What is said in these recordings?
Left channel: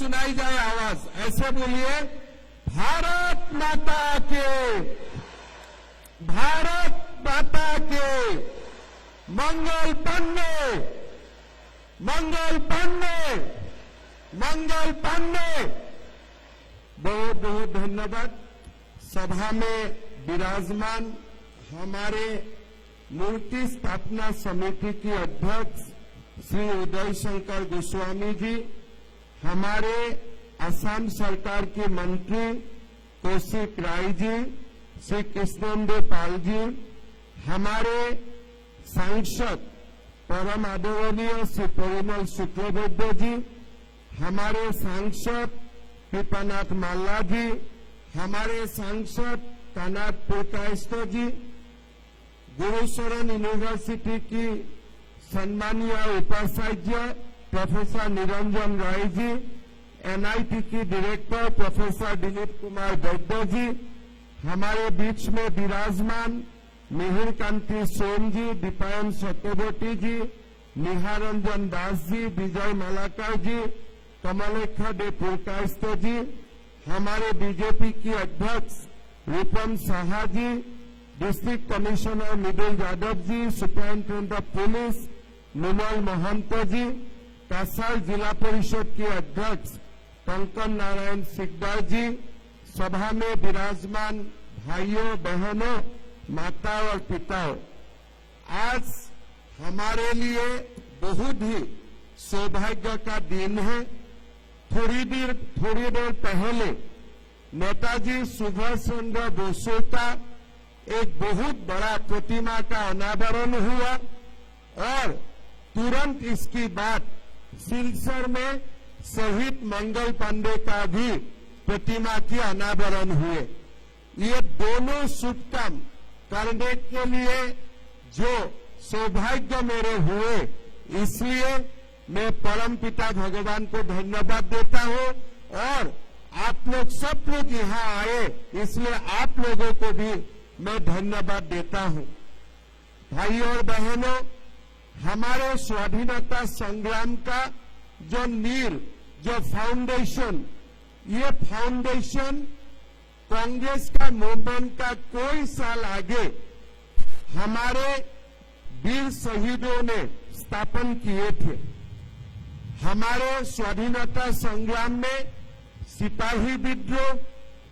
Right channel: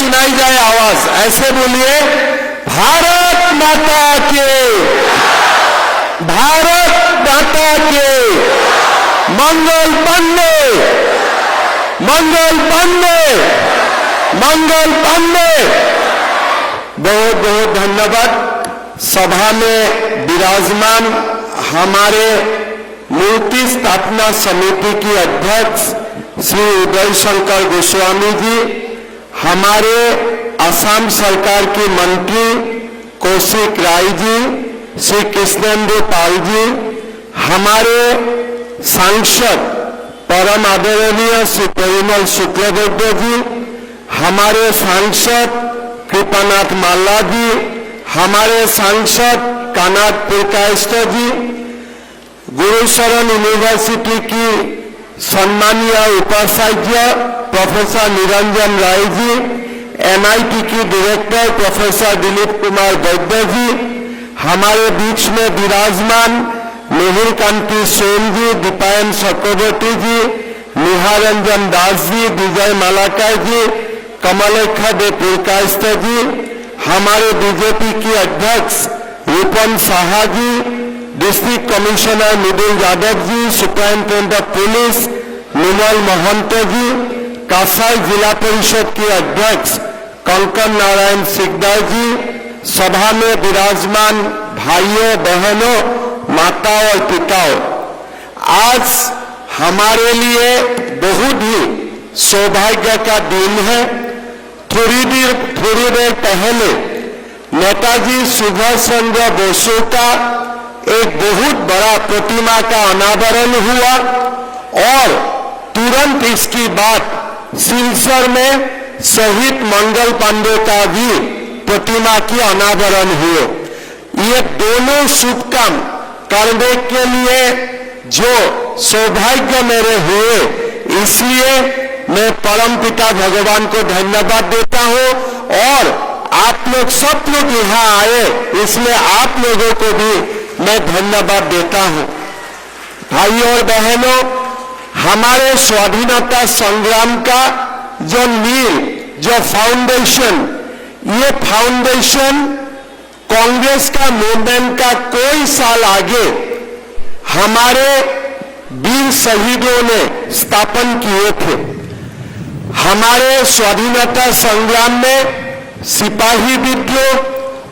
सुनाई जाए आवाज, ऐसे बोलिए, भारत माता के, भारत माता के, मंगल पांडे, मंगल पांडे, मंगल पांडे। बहुत बहुत धन्यवाद। सभा में विराजमान हमारे मूर्ति स्थापना समिति की अध्यक्ष श्री उदय शंकर गोस्वामी जी, हमारे असम सरकार के मंत्री कौशिक राय जी, श्री कृष्णेंद्र पाल जी, हमारे सांसद परम आदरणीय श्री परिमल शुक्लबैद्य जी, हमारे सांसद कृपानाथ माल्ला जी, हमारे सांसद कानाथ पुरकायस्थ जी, गुरुशरण यूनिवर्सिटी की सम्मानीय उपाचार्य प्रोफेसर निरंजन राय जी, MIT की डायरेक्टर प्रोफेसर दिलीप कुमार वैद्य जी, हमारे बीच में विराजमान मिहिर कांति सोम जी, दीपायन चक्रवर्ती जी, निहारंजन दास जी, विजय मालाकर जी, कमलेखा दे पुरकायस्थ जी, हमारे बीजेपी की अध्यक्ष Rupam Saha ji, district commissioner Mridul Yadav ji, superintendent of police Nirmal Mahant ji, कासाई जिला परिषद के अध्यक्ष कंकन नारायण सिकदार जी, सभा में विराजमान भाइयों बहनों, माताओं और पिताओं, आज हमारे लिए बहुत ही सौभाग्य का दिन है। थोड़ी देर पहले नेताजी सुभाष चंद्र बोस का एक बहुत बड़ा प्रतिमा का अनावरण हुआ और तुरंत इसके बाद सिलचर में शहीद मंगल पांडे का भी प्रतिमा की अनावरण हुए। ये दोनों शुभ काम करने के लिए जो सौभाग्य मेरे हुए, इसलिए मैं परम पिता भगवान को धन्यवाद देता हूं और आप लोग सब लोग यहाँ आए, इसलिए आप लोगों को भी मैं धन्यवाद देता हूं। भाइयों और बहनों, हमारे स्वाधीनता संग्राम का जो नींव, जो फाउंडेशन, ये फाउंडेशन कांग्रेस का मूवमेंट का कोई साल आगे हमारे वीर शहीदों ने स्थापन किए थे। हमारे स्वाधीनता संग्राम में सिपाही विद्रोह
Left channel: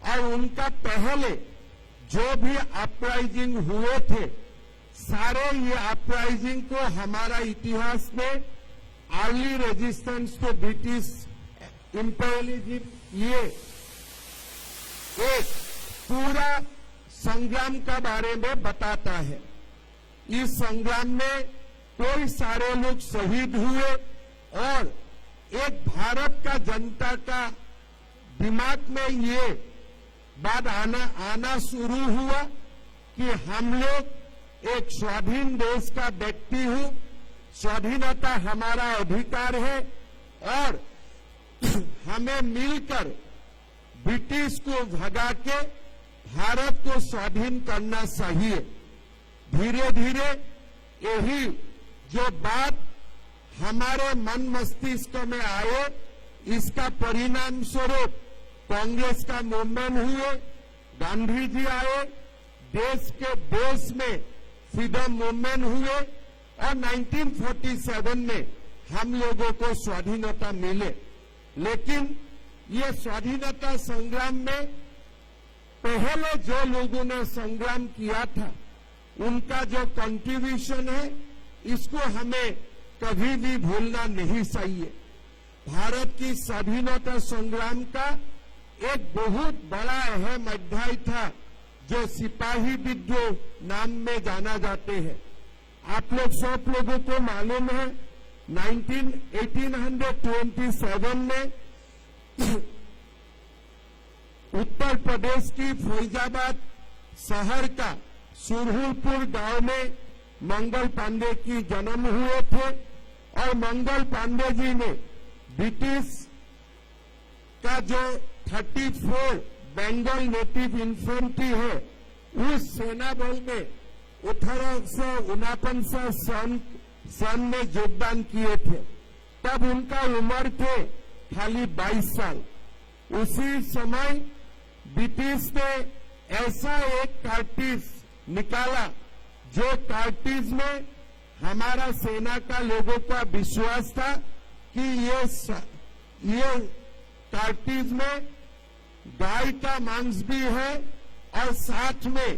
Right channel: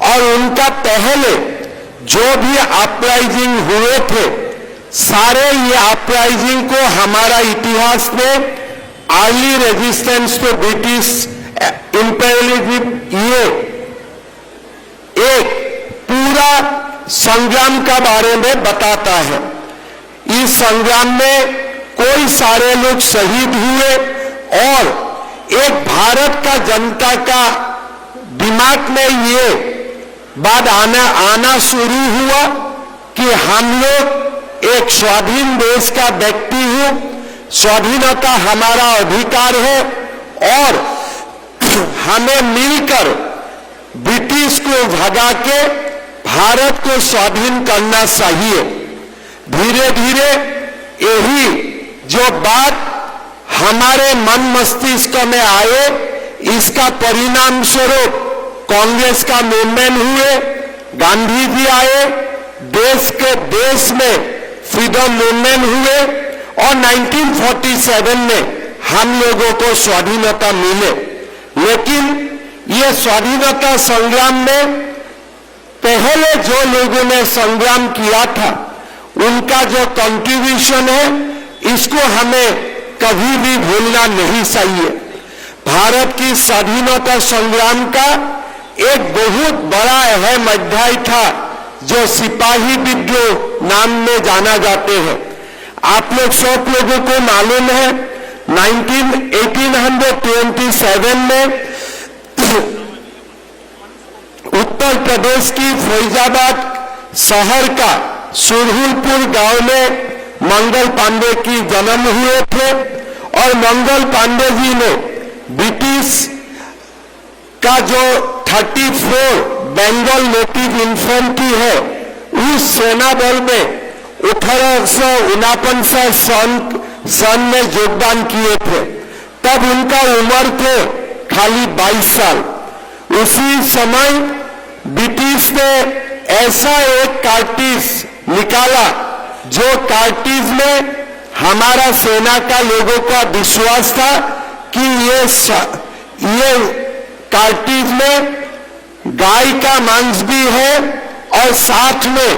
और उनका पहले जो भी अपराइजिंग हुए थे, सारे ये अपराइजिंग को हमारा इतिहास में early resistance to British imperialism, ये एक पूरा संग्राम का बारे में बताता है। इस संग्राम में कोई सारे लोग शहीद हुए और एक भारत का जनता का दिमाग में ये बात आना शुरू हुआ कि हम लोग एक स्वाधीन देश का व्यक्ति हूं, स्वाधीनता हमारा अधिकार है और हमें मिलकर ब्रिटिश को भगा के भारत को स्वाधीन करना चाहिए। धीरे धीरे यही जो बात हमारे मन मस्तिष्क में आए, इसका परिणाम स्वरूप कांग्रेस का मूवमेंट हुए, गांधी जी आए, देश में फ्रीडम मूवमेंट हुए और 1947 में हम लोगों को स्वाधीनता मिले। लेकिन ये स्वाधीनता संग्राम में पहले जो लोगों ने संग्राम किया था, उनका जो कंट्रीब्यूशन है, इसको हमें कभी भी भूलना नहीं चाहिए। भारत की स्वाधीनता संग्राम का एक बहुत बड़ा अहम अध्याय था जो सिपाही विद्रोह नाम में जाना जाते हैं। आप लोग सब लोगों को मालूम है 1827 में उत्तर प्रदेश की फैजाबाद शहर का सुरहुलपुर गांव में मंगल पांडे की जन्म हुए थे और मंगल पांडे जी ने ब्रिटिश का जो 34 बंगाल नेटिव इन्फेंट्री है, उस सेना बल में 1849 सन में योगदान किए थे। तब उनका उम्र थे खाली 22 साल। उसी समय ब्रिटिश ने ऐसा एक कार्टिज निकाला जो कार्टिज में हमारा सेना का लोगों का विश्वास था कि ये कार्टिज में गाय का मांस भी है और साथ में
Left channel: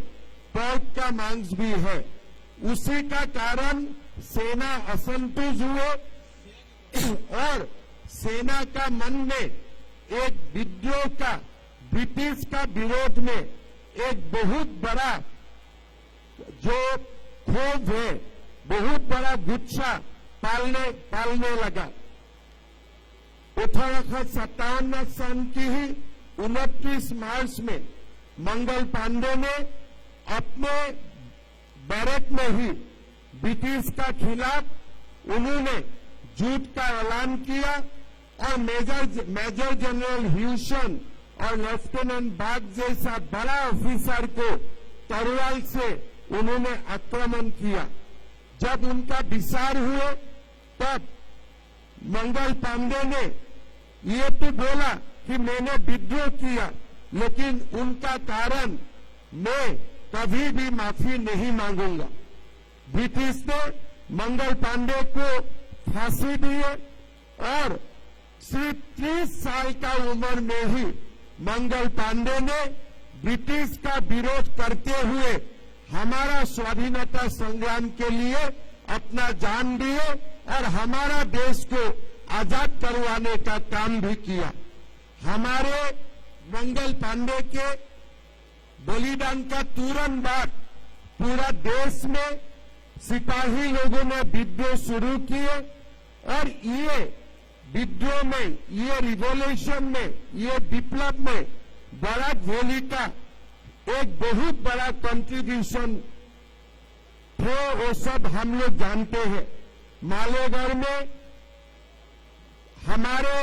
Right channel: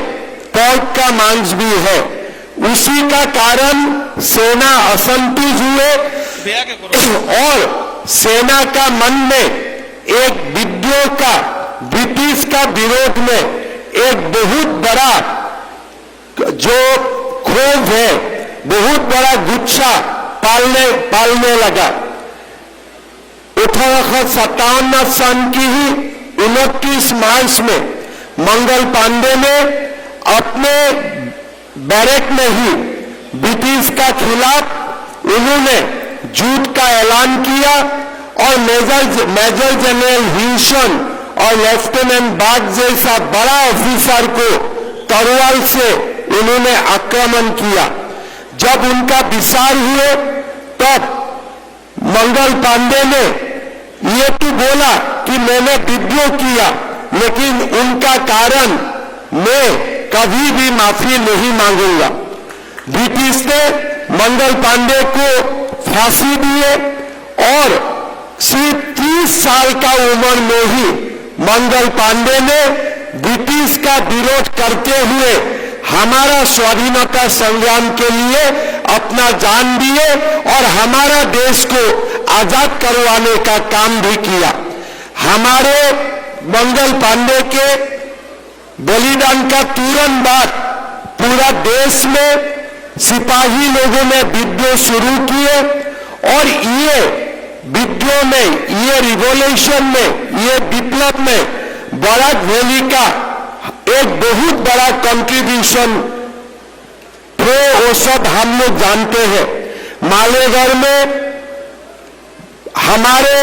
पोर्क का मांस भी है। उसी का कारण सेना असंतुष्ट हुए और सेना का मन में एक विद्रोह का, ब्रिटिश का विरोध में एक बहुत बड़ा जो क्षोभ है, बहुत बड़ा गुस्सा पालने लगा। 1857 सन की ही 29 मार्च में मंगल पांडे ने अपने बैरक में ही ब्रिटिश का खिलाफ उन्होंने युद्ध का ऐलान किया और मेजर जनरल हिल्सन और लेफ्टिनेंट बाग जैसा बड़ा ऑफिसर को तलवार से उन्होंने आक्रमण किया। जब उनका विचार हुए तब मंगल पांडे ने ये तो बोला कि मैंने विद्रोह किया, लेकिन उनका कारण मैं कभी भी माफी नहीं मांगूंगा। ब्रिटिश ने मंगल पांडे को फांसी दिए और सिर्फ 30 साल का उम्र में ही मंगल पांडे ने ब्रिटिश का विरोध करते हुए हमारा स्वाधीनता संग्राम के लिए अपना जान दिए और हमारा देश को आजाद करवाने का काम भी किया। हमारे मंगल पांडे के बलिदान का तुरंत बाद पूरा देश में सिपाही लोगों ने विद्रोह शुरू किए और ये विद्रोह में, ये रिवॉल्यूशन में, ये विप्लव में बराक वैली का एक बहुत बड़ा कंट्रीब्यूशन थे। वो सब हम लोग जानते हैं। मालेगांव में हमारे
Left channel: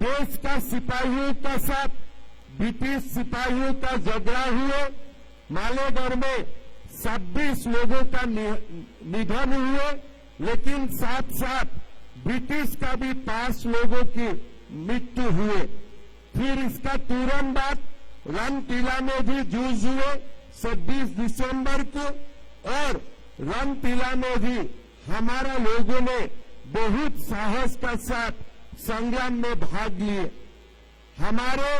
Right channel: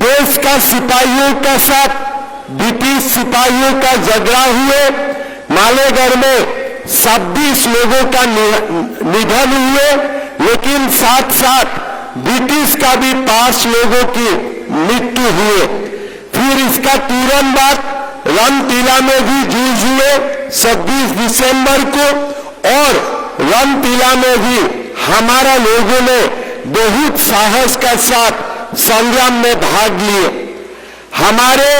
देश का सिपाहियों का साथ ब्रिटिश सिपाहियों का झगड़ा हुए। मालेगांव में 26 लोगों का निधन हुए, लेकिन साथ साथ ब्रिटिश का भी 5 लोगों की मृत्यु हुए। फिर इसका तुरंत बाद रनटीला में भी जूझ हुए 26 दिसंबर को, और रनटीला में भी हमारा लोगों ने बहुत साहस के साथ संग्राम में भाग लिए। हमारे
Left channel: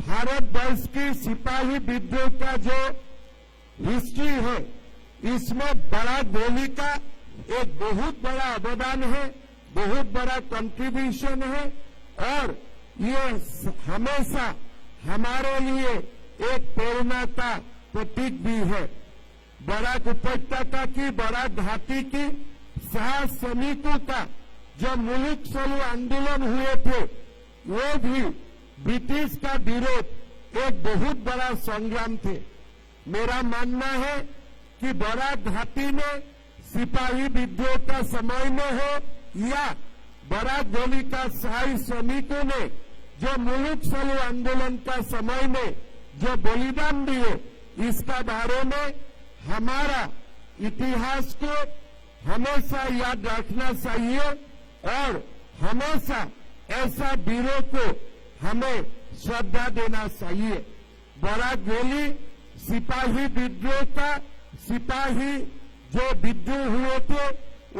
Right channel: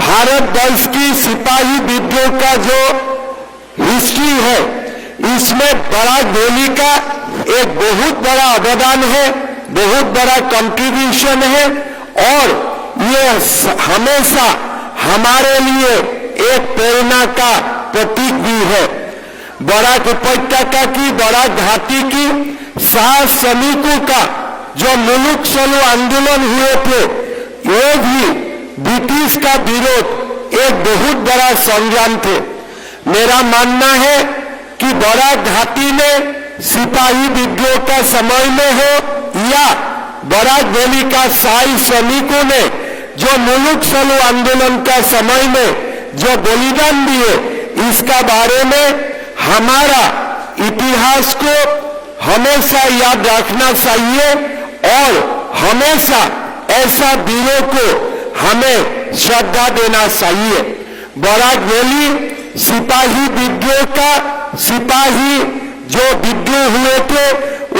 भारत वर्ष की सिपाही विद्रोह का जो हिस्ट्री है, इसमें बराक वैली का एक बहुत बड़ा अवदान है, बहुत बड़ा कंट्रीब्यूशन है, और ये हमेशा हमारे लिए एक प्रेरणा का प्रतीक भी है। बराक उपत्यका की, बराक घाटी की 7 सैनिकों का जो मुलुक चलो आंदोलन हुए थे, ये भी ब्रिटिश का विरोध एक बहुत बड़ा संग्राम थे। मेरा मानना है कि बराक घाटी में सिपाही विद्रोह का समय में हो या बराक वैली का शाही सैनिकों ने जो मुलुक चलो आंदोलन का समय में जो बलिदान दिए, इसका बारे में हमारा इतिहास को हमेशा याद रखना चाहिए और हमेशा ऐसा वीरों को हमें श्रद्धा देना चाहिए। बराक वैली सिपाही विद्रोह का, सिपाही जो विद्रोह हुए थे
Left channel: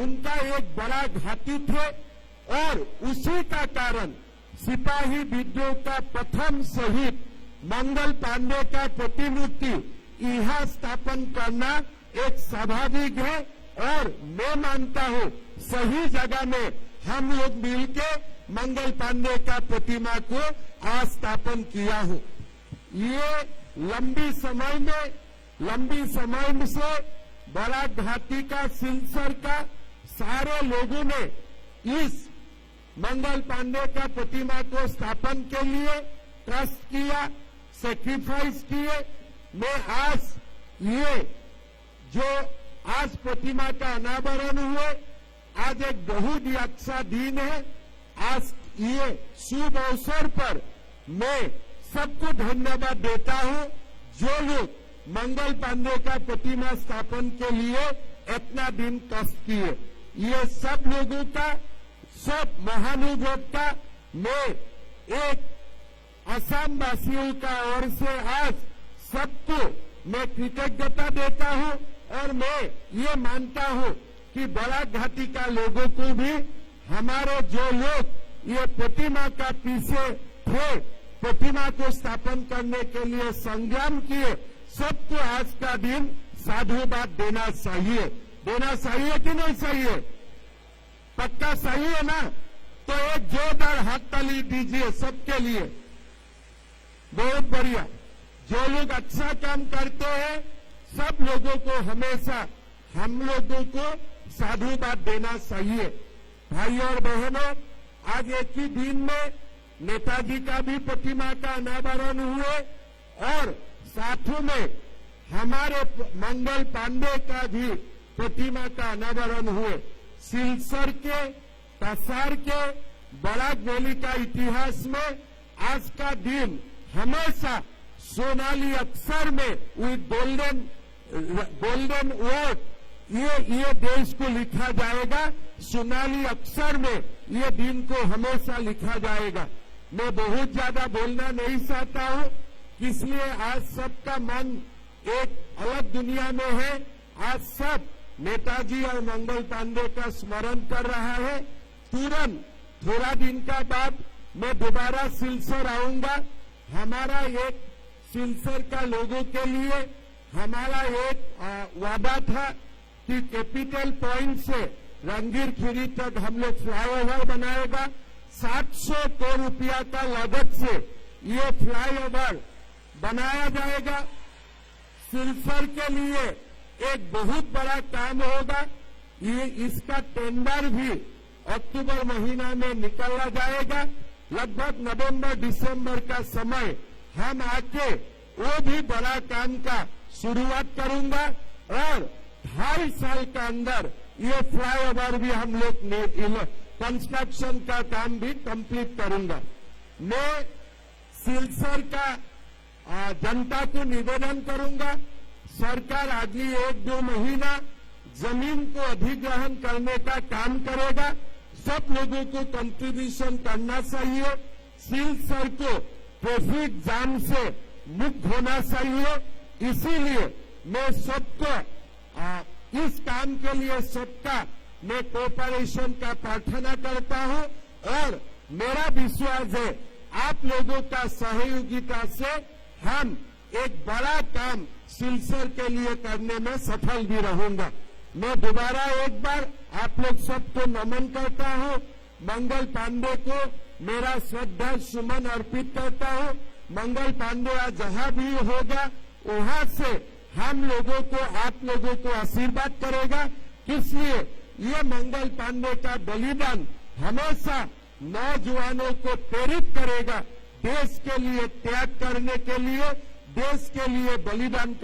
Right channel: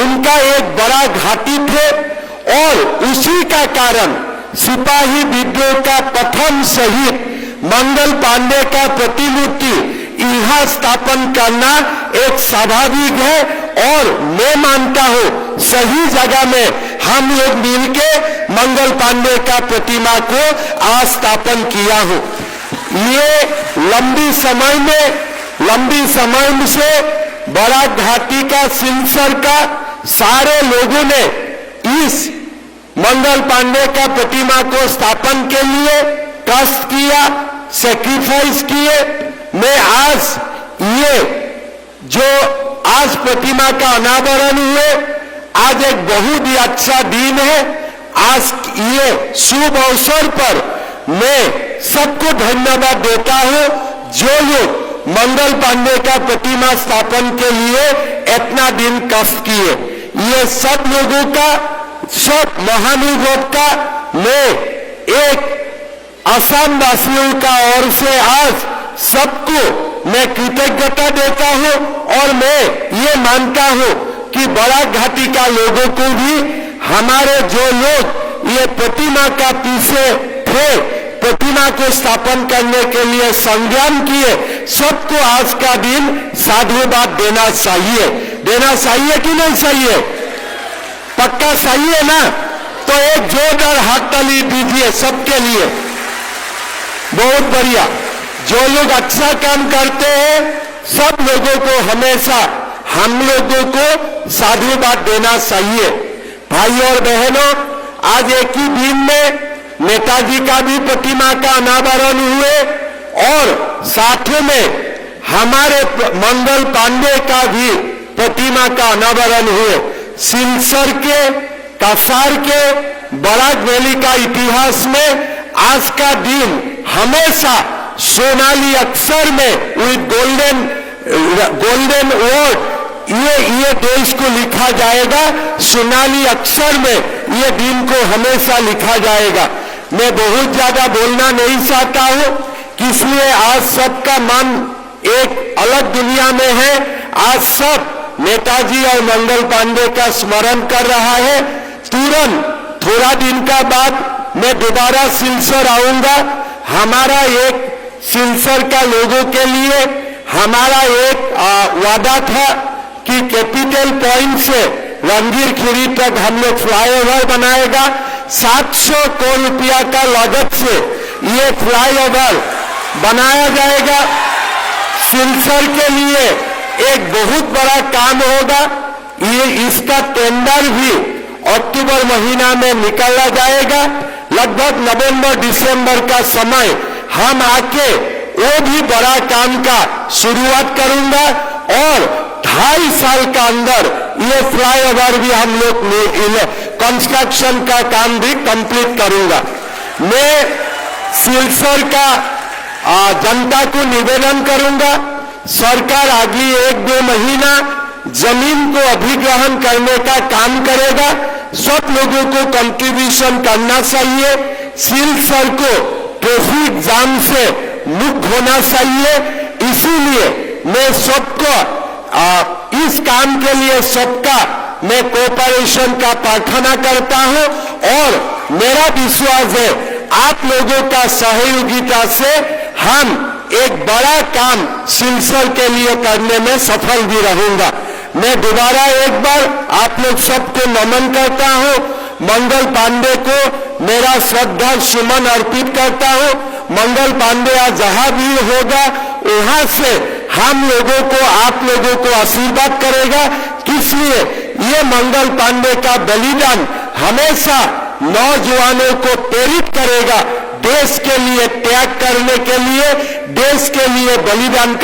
उनका एक बड़ा घाटी थे, और उसी का कारण सिपाही विद्रोह का प्रथम शहीद मंगल पांडे का प्रतिमूर्ति यहाँ स्थापन करना एक स्वाभाविक है, और मैं मानता हूँ सही जगह में हम लोग मिलके मंगल पांडे का प्रतिमा को आज स्थापन किया हो। ये लंबी समय से बराक घाटी का, सिलसर का सारे लोगों ने इस मंगल पांडे का प्रतिमा को स्थापन के लिए कष्ट किया, सैक्रिफाइस किए। मैं आज ये जो आज प्रतिमा का अनावरण हुए, आज एक बहुत ही अच्छा दिन है। आज ये शुभ अवसर पर मैं सबको धन्यवाद देता हूं जो लोग मंगल पांडे का प्रतिमा स्थापन के लिए इतना दिन कष्ट किए। ये सब लोगों का सब महानुभाव का मैं एक असम वासियों का ओर से आज सबको मैं कृतज्ञता देता हूं और मैं ये मानता हूं कि बराक घाटी का लोगों को भी हमारे जो लोग ये प्रतिमा का पीछे थे, प्रतिमा को स्थापन करने के लिए संग्राम किए, सबको आज का दिन साधुवाद देना चाहिए कि नहीं चाहिए? पक्का चाहिए ना? तो एक जोरदार हाथ ताली दीजिए सबके लिए। बहुत बढ़िया। जो लोग अच्छा काम करते हैं सब लोगों को हमेशा हम लोगों को साधुवाद देना चाहिए। भाई और बहनों, आज एक ही दिन में नेताजी का भी प्रतिमा का अनावरण हुए और साथ में हमारे मंगल पांडे का भी प्रतिमा का अनावरण हुए। सिलचर के कसार के बराक वैली का इतिहास में आज का दिन हमेशा सोनाली अक्षर में विद गोल्डन वर्ड ये देश को लिखा जाएगा। सोनाली अक्षर में ये दिन को हमेशा लिखा जाएगा। मैं बहुत ज्यादा बोलना नहीं चाहता हूं, इसलिए आज सबका मन एक अलग दुनिया में है। आज सब नेताजी और मंगल पांडे का स्मरण कर रहा है। तुरंत थोड़ा दिन का बाद मैं दोबारा सिलचर आऊंगा। हमारा एक सिलचर का लोगों के लिए हमारा एक वादा था कि कैपिटल पॉइंट से रंगीर खीरी तक हम लोग फ्लाईओवर बनाएगा। 700 करोड़ रुपया का लागत से ये फ्लाईओवर बनाया जाएगा। सिलचर के लिए एक बहुत बड़ा काम होगा। ये इसका टेंडर भी अक्टूबर महीना में निकाला जाएगा। लगभग नवंबर दिसंबर का समय हम आके वो भी बड़ा काम का शुरुआत करूंगा और 2.5 साल का अंदर ये फ्लाईओवर भी हम लोग कंस्ट्रक्शन का काम भी कंप्लीट करूंगा। मैं सिलचर का जनता को निवेदन करूंगा, सरकार अगली 1-2 महीना जमीन को अधिग्रहण करने का काम करेगा। सब लोगों को कंट्रीब्यूशन करना चाहिए। सिलचर को ट्रैफिक जाम से मुक्त होना चाहिए। इसीलिए मैं सबको इस काम के लिए सबका मैं कोऑपरेशन का प्रार्थना करता हूं और मेरा विश्वास है आप लोगों का सहयोगिता से हम एक बड़ा काम सिलचर के लिए करने में सफल भी रहूंगा। मैं दोबारा एक बार आप लोग सबको नमन करता हूं। मंगल पांडे को मेरा श्रद्धा सुमन अर्पित करता हूं। मंगल पांडे आज जहां भी होगा वहां से हम लोगों को आप लोगों को आशीर्वाद करेगा। इसलिए ये मंगल पांडे का बलिदान हमेशा नौजवानों को प्रेरित करेगा देश के लिए त्याग करने के लिए, देश के लिए बलिदान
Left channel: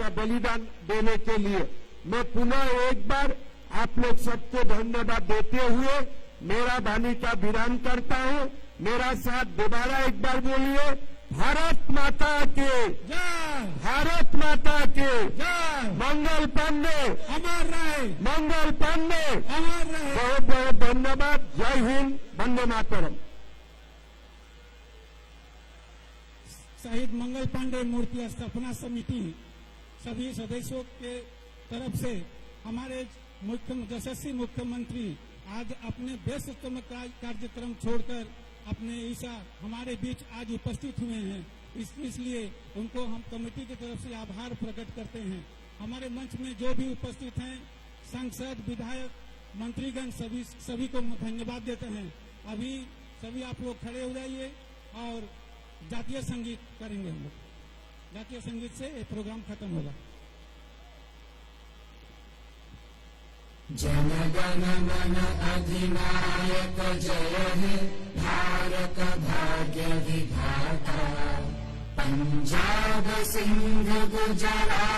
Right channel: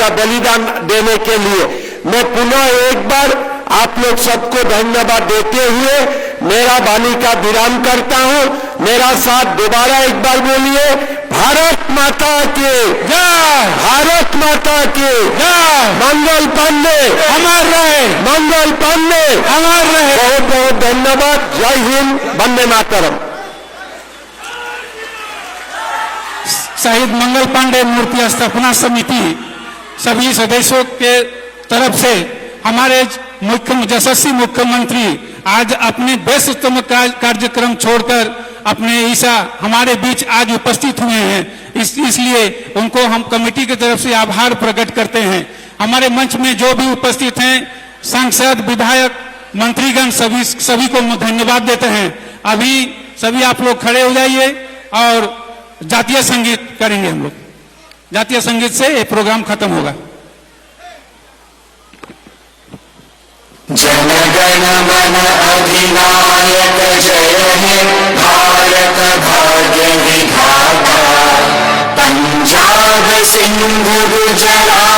देने के लिए। मैं पुनः एक बार आप लोग सबको धन्यवाद देते हुए मेरा वाणी का विराम करता हूं। मेरा साथ दोबारा एक बार बोलिए, भारत माता के जय, भारत माता के जय। मंगल पांडे अमर रहे, मंगल पांडे अमर रहे। बहुत बहुत धन्यवाद। जय हिंद, वंदे मातरम। शहीद मंगल पांडे मूर्ति स्थापना समिति सभी सदस्यों के तरफ से हमारे यशस्वी मुख्यमंत्री आज अपने व्यस्ततम कार्यक्रम छोड़कर अपने ईसा हमारे बीच आज उपस्थित हुए हैं। इसलिए उनको हम कमेटी की तरफ से आभार प्रकट करते हैं। हमारे मंच में जो भी उपस्थित हैं सांसद, विधायक, मंत्रीगण सभी को धन्यवाद देते हैं। अभी सभी आप लोग खड़े हो जाइए और जातीय संगीत करेंगे। हम लोग जातीय संगीत से ये प्रोग्राम खत्म होगा। जन गण मन अधिनायक जय हे भारत भाग्य विधाता, पंजाब सिंधु गुजरात